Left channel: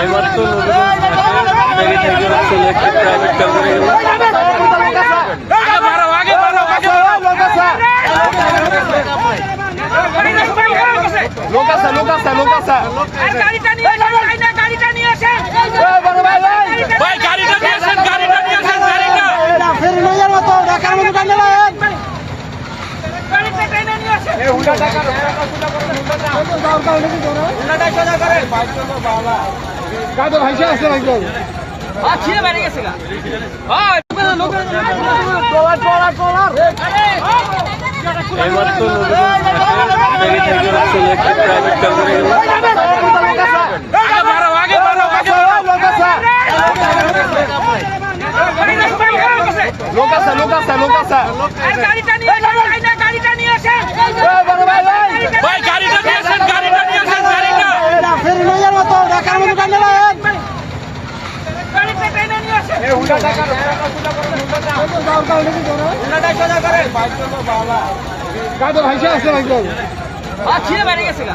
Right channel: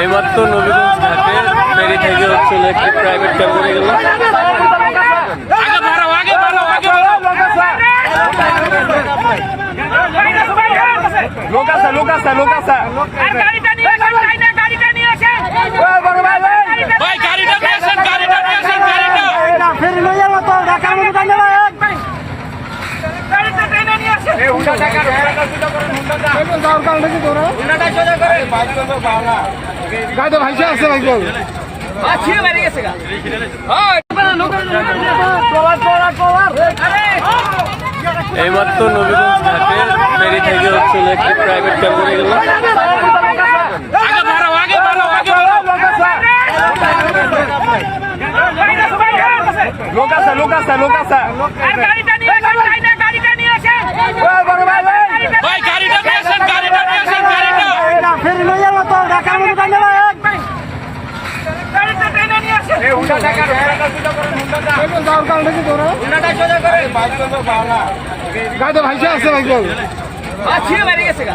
এইমাত্র একটি private car করে গেল। লোক আছে গাড়িটা নিয়ে আসেন ভাই গাড়িটা নিয়ে আসেন, গাড়িটা নিয়ে আসেন, গাড়িটা ফেরি লইয়ার মতো ঢাকার মতো গাড়ি নেই গাড়িটা টেনে নিয়ে আসেন গাড়ি ভাইসা আছে একদম ছিঁড়ে বেরিয়ে গেছে গা এইমাত্র একটি প্রাইভেট কার করে গেল। লোক আছে গাড়িটা নিয়ে আসেন ভাই গাড়িটা নিয়ে আসেন, গাড়িটা নিয়ে আসেন, গাড়িটা ফেরি লইয়ার মতো ঢাকার মতো গাড়ি নেই গাড়িটা টেনে নিয়ে আসেন গাড়ি ভাইসা আছে একদম ছিঁড়ে বেরিয়ে গেছে গা